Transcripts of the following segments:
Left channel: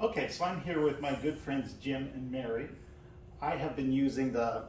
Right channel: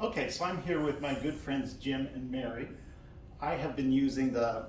Okay, so I'm here with my good friends Jim and Mary. I have been using the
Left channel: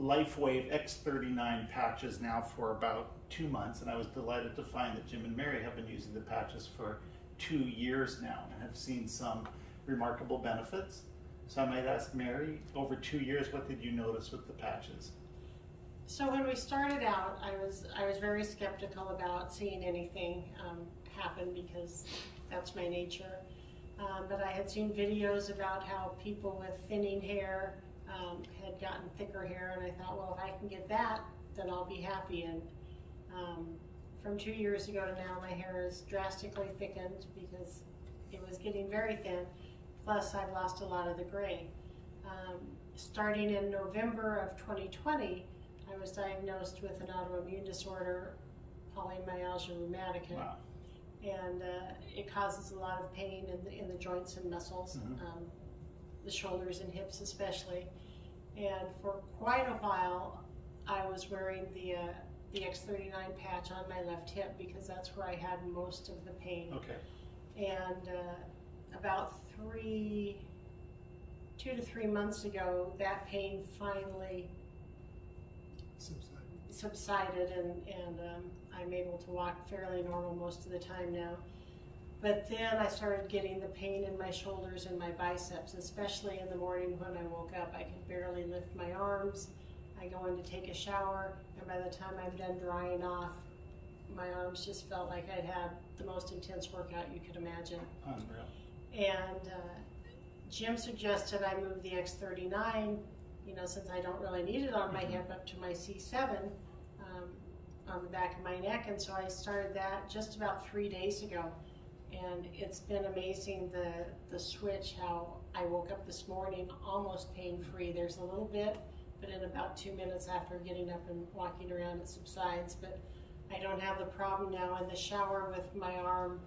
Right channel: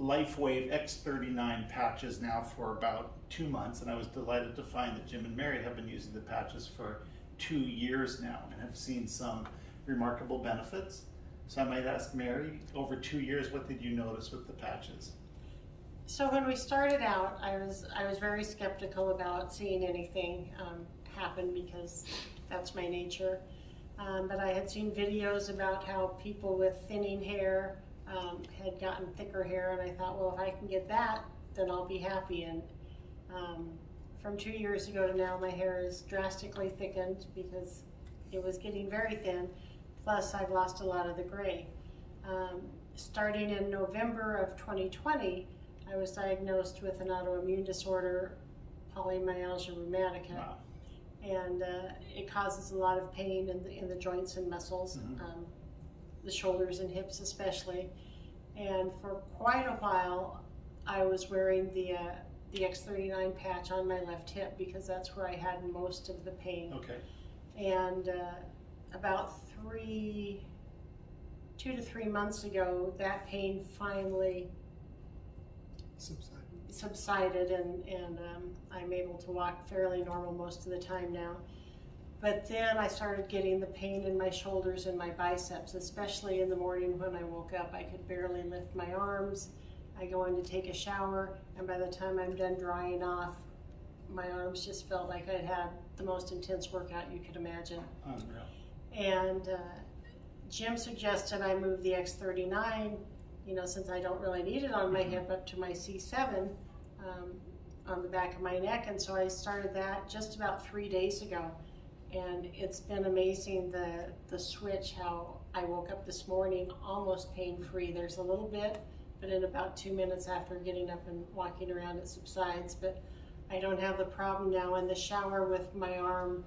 Lifewave X39 patches now for about 2 months, and I was delighted to find that Jim and Mary have been using the patches for 2 years now and have seen some remarkable benefits. So I might ask Mary, over 2 years, what did you notice with the patches? So when we started out, I was very skeptical about seeing anything happen because that's my nature. But I had seen videos about how people with thinning hair had gotten thicker hair, and I thought, well, if I can get that, then I'll be happy. And from 2 years ago to now, my hair is drastically thickened because it was getting very thin. Plus, I've lost a lot of the gray. Starting in November of 2020, I was diagnosed with an autoimmune disorder, polymyalgia rheumatica. Wow. And it causes a lot of pain in the joints and muscles, the shoulders and hips especially. And for quite a while, I was wearing the X39 patch on my left hip because that's where I had most of the pain. Okay. And about 2 to 3 months ago, that pain finally subsided, and I'm able to walk fairly normal most of the time now. But then I started getting the pain in my shoulders and my biceps, especially in the morning when I woke up. I could barely lift my arms. I go in to take a shower, and by the time I'm done drying off, my arms just felt like I'd had the most intense workout you could imagine. Unreal. And Jim suggested I move the X39, since I don't really need it on my hip, up to my C7 on the back of my neck. And so I started that just about 3 days ago. And it's been amazing, the switch, how I woke up this morning almost pain-free. There's a little bit, but in about 2 minutes after getting up and walking around, it subsides. But I don't have the problem now in the shower with my arm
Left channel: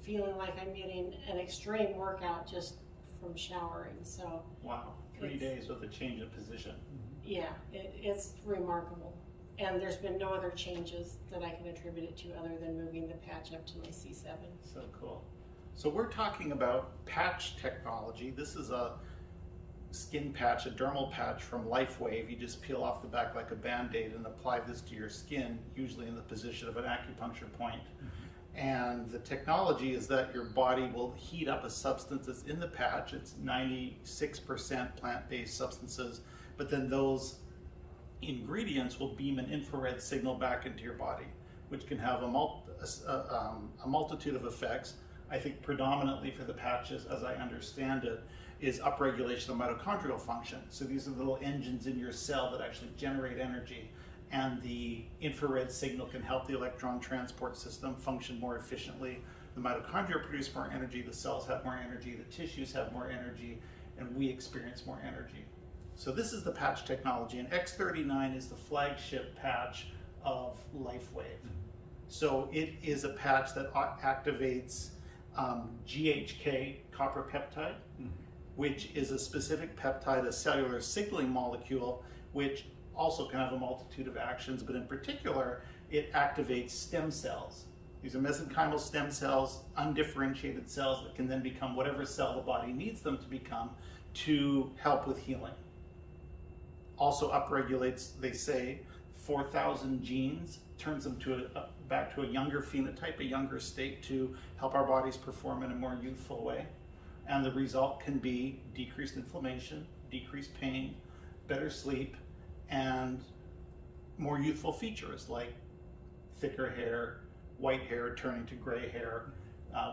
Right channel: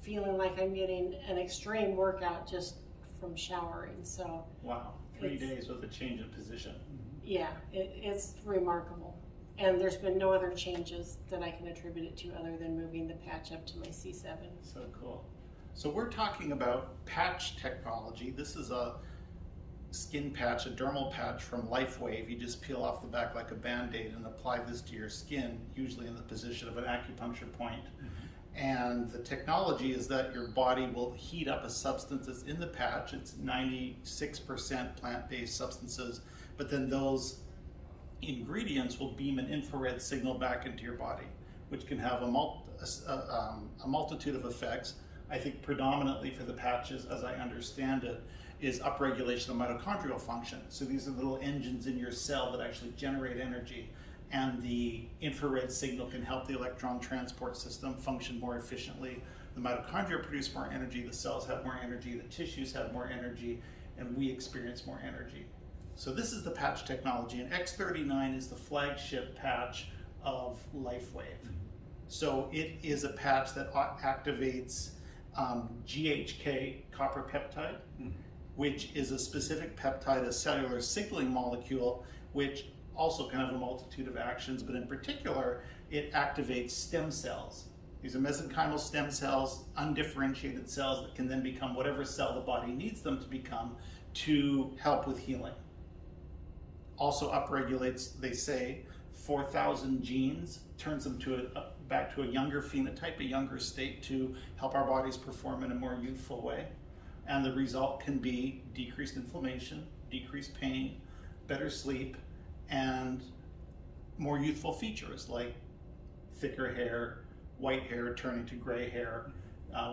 feeling like I'm getting an extreme workout just from showering. So wow, 3 days with a change of position. Yeah, it's remarkable. And there's been no other changes that I can attribute it to other than moving the patch up to my C7. So cool. So we're talking about patch technology. This is a skin patch, a dermal patch from Lifewave. You just peel off the back like a Band-Aid and apply this to your skin, usually in the position of an acupuncture point. And the technology is that your body will heat up a substance that's in the patch. It's 96% plant-based substances, but then those ingredients will beam an infrared signal back into your body, which can have a multitude of effects. I think predominantly for the patches, as I understand it, is upregulation of mitochondrial function. So these are little engines in your cell that actually generate energy, and the infrared signal can help the electron transport system function more efficiently. The mitochondria produce more energy, the cells have more energy, the tissues have more energy, and we experience more energy. So this is the patch technology, and X39 is the flagship patch of Lifewave. So it is a patch that activates GHK, copper peptide, which is a specific peptide, a cellular signaling molecule, which also can have a multitude of actions, but in particular, it activates stem cells. These are mesenchymal stem cells, undifferentiated cells that can then become whatever cell the body needs them to become to help with healing. Also upregulates, they say, 4,000 genes, turns them to back to a younger phenotype, a younger state, to help our bodies perform in a more youthful way. And the result can be decreased inflammation, decreased pain, better sleep, and more youthful features like thicker hair, white hair turning to gray hair,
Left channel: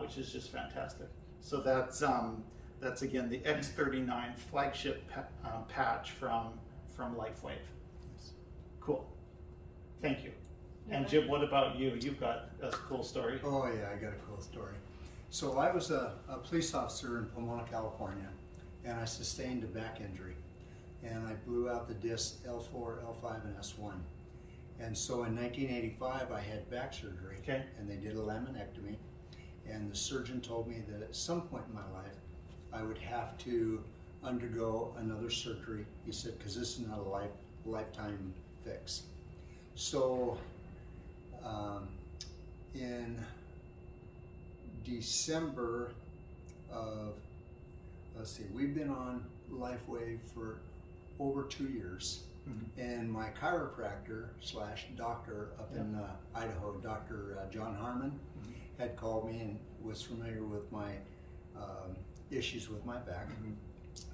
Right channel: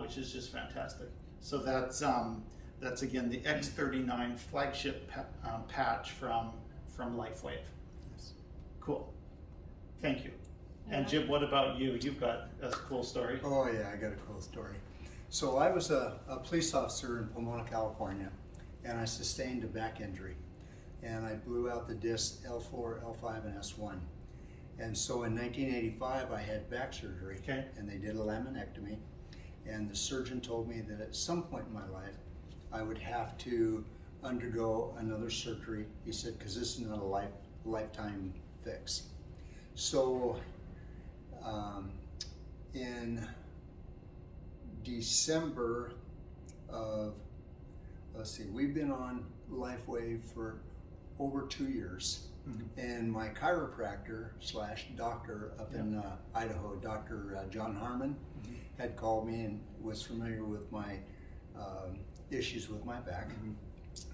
which is just fantastic. So that's again the X39 flagship patch from Lifewave. Yes. Cool. Thank you. And Jim, what about you? You've got a cool story. Oh yeah, I got a cool story. So I was a police officer in Pomona, California, and I sustained a back injury. And I blew out the discs L4, L5, and S1. And so in 1985, I had back surgery, and they did a laminectomy. And the surgeon told me that at some point in my life, I would have to undergo another surgery. He said, because this is not a lifetime fix. So in December of let's see, we've been on Lifewave for over 2 years. And my chiropractor / doctor up in Idaho, Dr. John Harmon, had called me and was familiar with my issues with my back.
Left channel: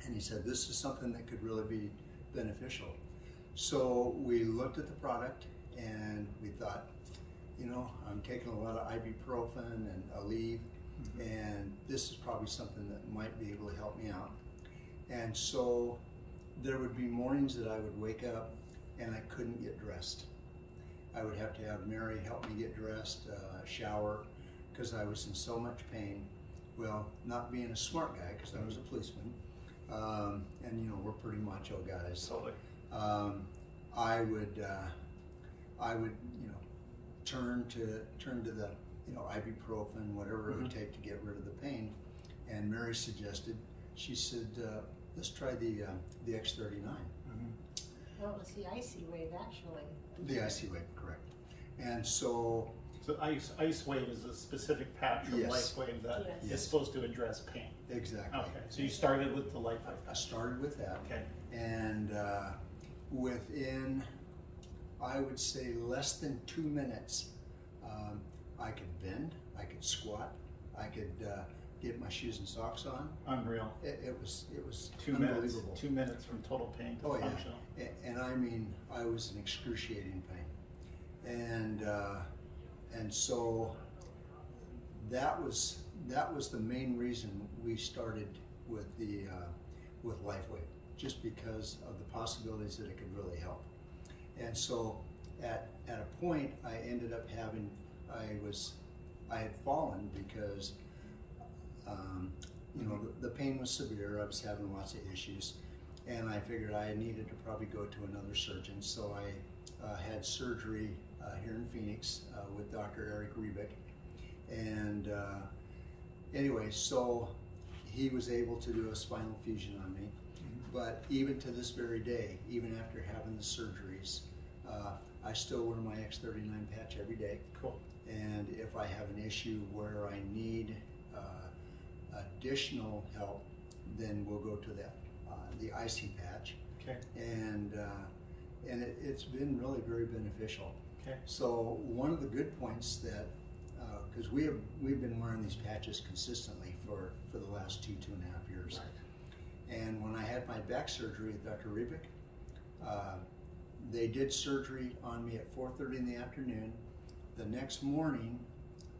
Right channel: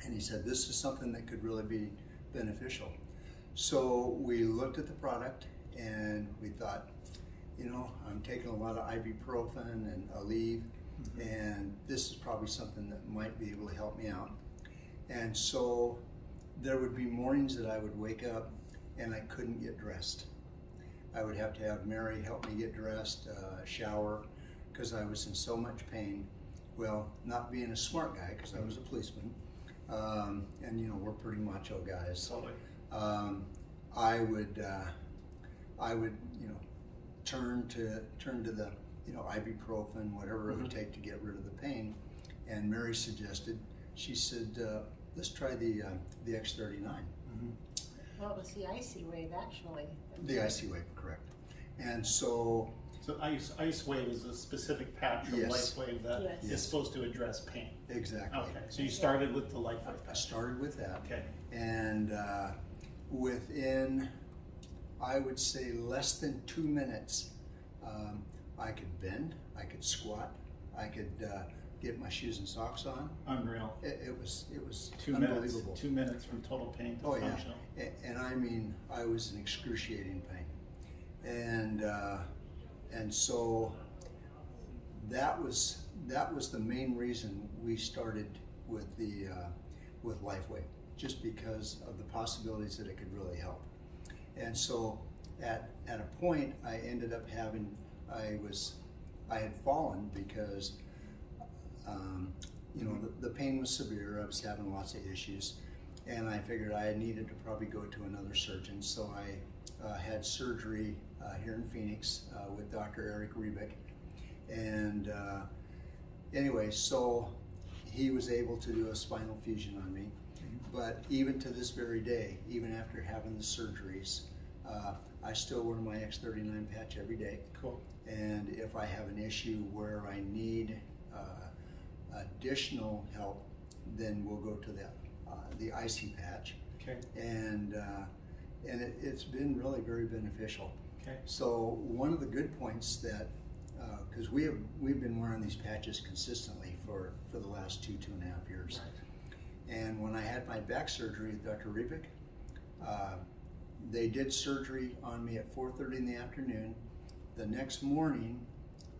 And he said, this is something that could really be beneficial. So we looked at the product and we thought, you know, I'm taking a lot of ibuprofen and Aleve, and this is probably something that might be able to help me out. And so there would be mornings that I would wake up and I couldn't get dressed. I would have to have Mary help me get dressed, shower, because I was in so much pain. Well, not being a smart guy, because I was a policeman, and you know, we're pretty macho guys. Totally. I would, you know, turn to the, you know, ibuprofen, whatever it would take to get rid of the pain. And Mary suggested, she said, let's try the X39. Well, it was the icy wave, actually. The icy wave, correct. And so Ice Wave is a specific patch from Lifewave that is supposed to address pain. Exactly. Okay, so you started with the Lifewave patch. I started with that. Okay. And within, I would say, less than 2 minutes, I could bend, I could squat, I could get my shoes and socks on. Unreal. It was 2 unbelievable. minutes. 2 minutes from total pain to functional. Yeah. And I mean, I was in excruciating pain, and so that was the main reason we started with with Lifewave, just because of the possibilities that it could really help. And so at a point, I ended up having, I had fallen because you know, the pain was severe. I was having lots of issues, and I figured I needed to probably go to another surgeon. So I had surgery here in Phoenix with Dr. Eric Rebick, and anyway, so he was able to do a spinal fusion on me. But even to this very day, even after having the surgeries, I still wear my X39 patch every day. Cool. And if I have an issue where I need additional help, then we'll go to that the icy patch. Okay. And it's been really very beneficial. Okay. So one of the good points that because we've been wearing these patches consistently for the last 2.5 years. Right. And when I had my back surgery at Dr. Rebick, they did surgery on me at 4:30 in the afternoon. The next morning,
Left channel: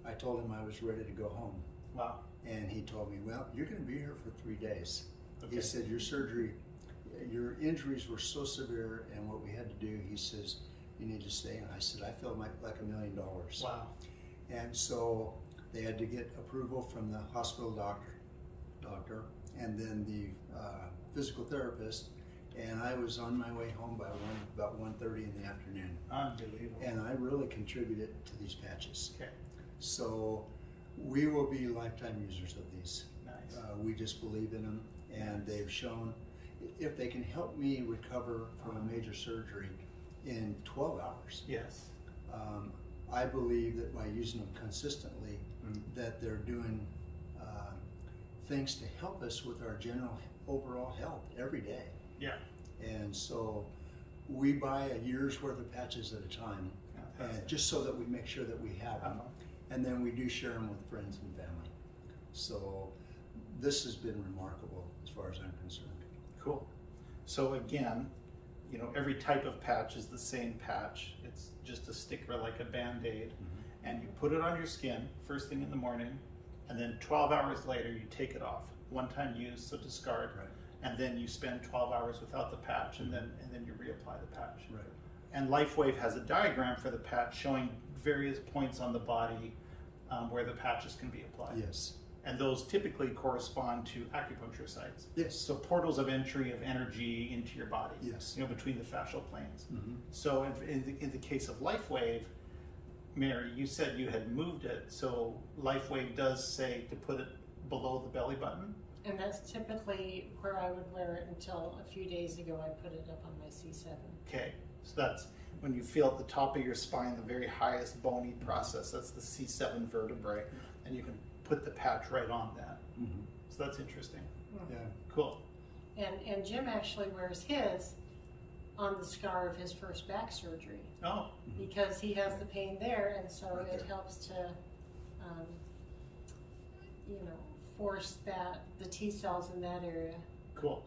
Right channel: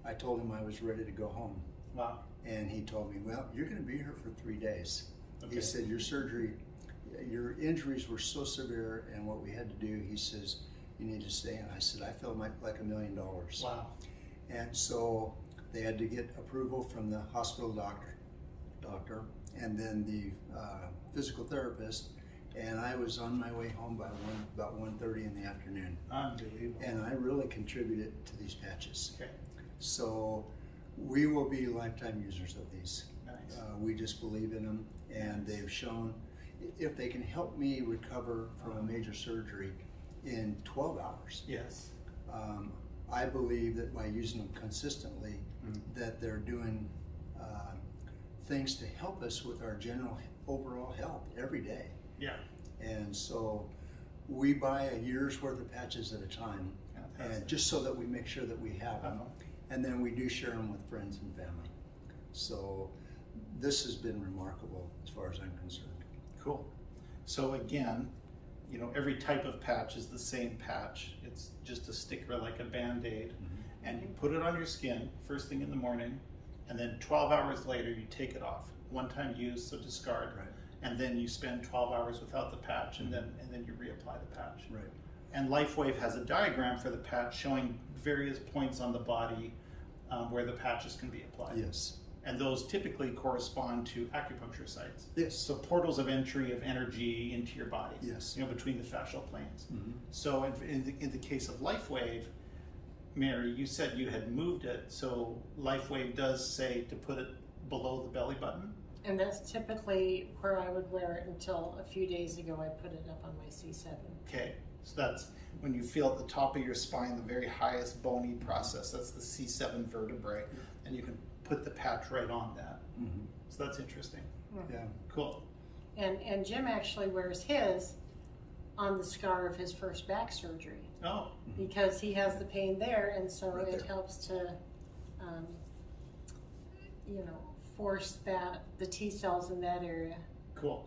I told him I was ready to go home. Wow. And he told me, well, you're going to be here for 3 days. Okay. He said, your surgery, your injuries were so severe, and what we had to do, he says, you need to stay. And I said, I feel like $1 million. Wow. And so they had to get approval from the hospital doctor, and then the physical therapist. And I was on my way home by about 1:30 in the afternoon. Unbelievable. And I really contributed to these patches. Okay. So we will be lifetime users of these. Nice. We just believe in them, and they've shown if they can help me recover from a major surgery in 12 hours. Yes. I believe that by using them consistently, that they're doing things to help us with our general overall health every day. Yeah. And so we buy a year's worth of patches at a time, and just so that we make sure that we have them. And then we do share them with friends and family. So this has been remarkable as far as I'm concerned. Cool. So again, you know, every type of patch is the same patch. It's just a sticker like a Band-Aid, and you put it on your skin first thing in the morning, and then 12 hours later you take it off. One time use, so discard. Right. And then you spend 12 hours without the patch, and then you reapply the patch. Right. And Lifewave has a diagram for the patch showing various points on the body where the patches can be applied. Yes. And those typically correspond to acupuncture sites. Yes. So portals of entry of energy into your body. Yes. You know, between the fascial planes. So in the case of Lifewave, Mary, you said you had moved it. So Lifewave does say to put it below the belly button. And that's typically where I would wear it until a few days ago I put it up on my C7. Okay, so that's when you feel at the top of your spine, the very highest bony process. That's the C7 vertebrae, and you can put the patch right on that. Mm-hmm. So that's interesting. Yeah. Cool. And Jim actually wears his on the scar of his first back surgery Oh, because he has the pain there, and so Right it there. helps to, you know, force the T cells in that area cool.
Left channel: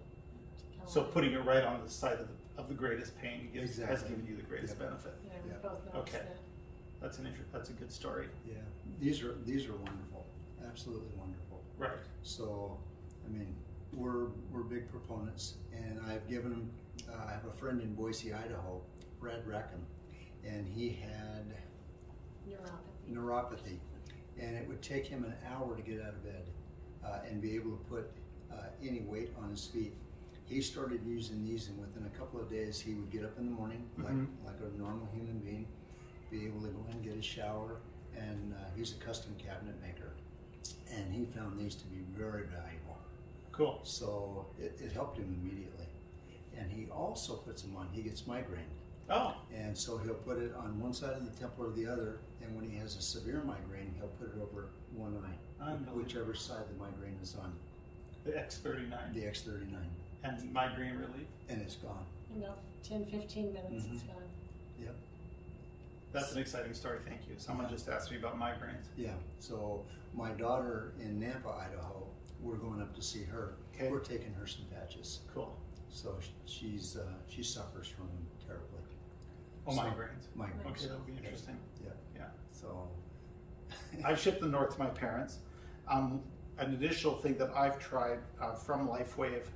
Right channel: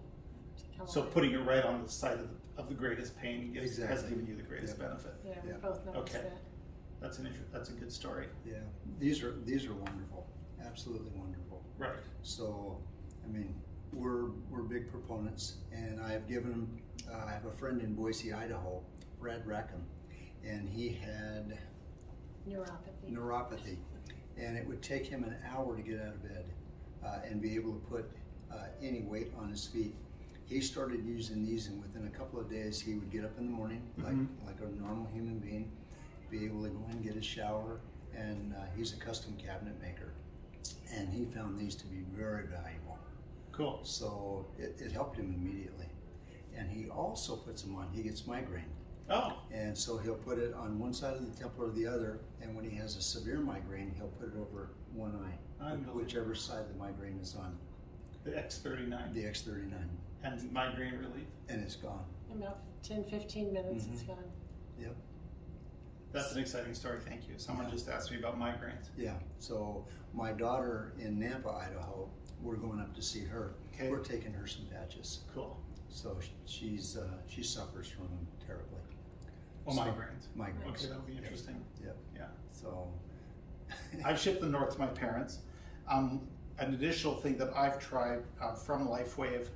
to come So on. putting it right on the side of the greatest pain has Exactly. given you the greatest Yep. benefit. Yeah, we Yep. both noticed Okay. that. That's a good story. Yeah. These are wonderful. Absolutely wonderful. Right. So, I mean, we're big proponents, and I've given them. I have a friend in Boise, Idaho, Brad Rackham, and he had neuropathy, and it would take him an hour to get out of bed and be able to put any weight on his feet. He started using these, and within a couple of days, he would get up in the morning like a normal human being, be able to go in and get his shower, and he's a custom cabinet maker, and he found these to be very valuable. Cool. So it helped him immediately. And he also puts them on, he gets migraine. Oh, And so he'll put it on one side of the temple or the other, and when he has a severe migraine, he'll put it over one eye, Unbelievable. whichever side the migraine is on, the X39 the X39, and migraine relief. and it's gone. In about 10-15 minutes, it's gone. Yep. That's an exciting story. Thank you. Someone Yeah. just asked me about migraines. Yeah. So my daughter in Nampa, Idaho, we're going up to see her. Okay. We're taking her some patches. Cool. So she suffers from them terribly. Oh, So- migraines. Migraines. Okay, that'll be interesting. Yep. Yeah. So. I've shipped them north to my parents. An additional thing that I've tried from Lifewave,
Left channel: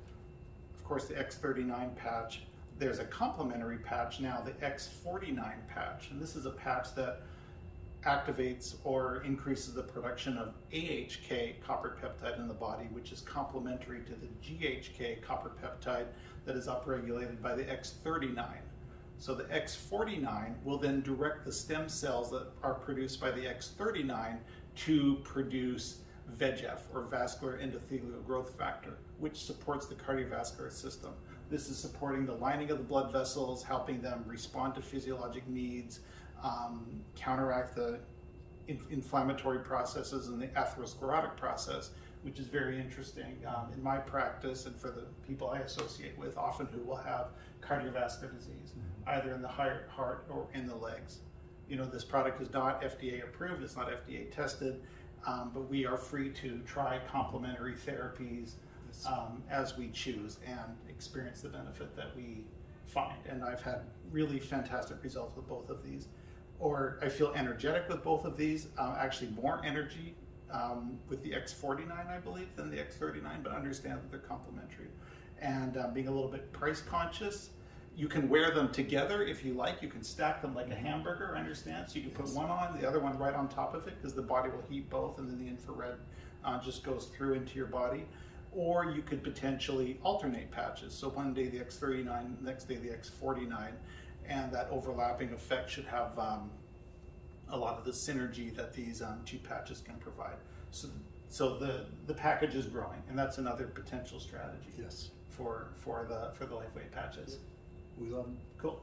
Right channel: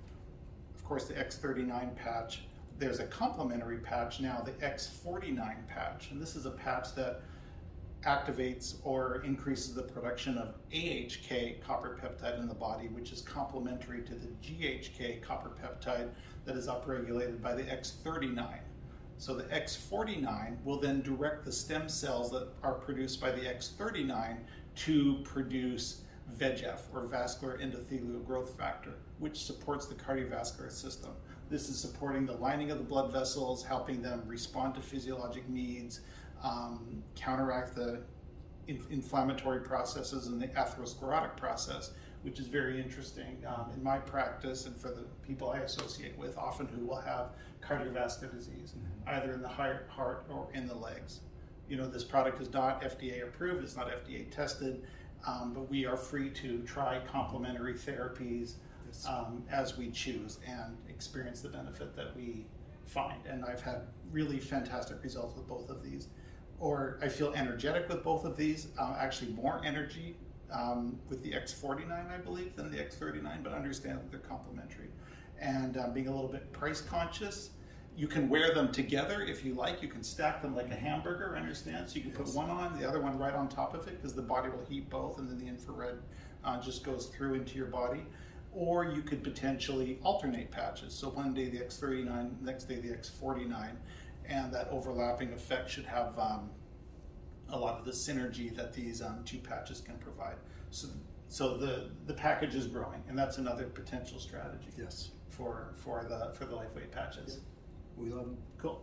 of course, the X39 patch. There's a complementary patch now, the X49 patch, and this is a patch that activates or increases the production of AHK copper peptide in the body, which is complementary to the GHK copper peptide that is upregulated by the X39. So the X49 will then direct the stem cells that are produced by the X39 to produce VEGF, or vascular endothelial growth factor, which supports the cardiovascular system. This is supporting the lining of the blood vessels, helping them respond to physiologic needs, counteract the inflammatory processes and the atherosclerotic process, which is very interesting in my practice and for the people I associate with, often who will have cardiovascular disease, either in the heart or in the legs. You know, this product is not FDA approved, it's not FDA tested, but we are free to try complementary therapies as we choose and experience the benefit that we find. And I've had really fantastic results with both of these. Or I feel energetic with both of these, actually more energy with the X49, I believe, than the X39, but understand that they're complementary. And being a little bit price conscious, you can wear them together if you like. You can stack them like a hamburger, understand? So you can put one on, the other one right on top of it, because the body will heat both, and then the infrared just goes through into your body. Or you could potentially alternate patches. So one day the X39, next day the X49, and that overlapping effect should have a lot of the synergy that these two patches can provide. So the package is growing, and that's another potential strategy. Yes. For the Lifewave patches. We love them. Cool.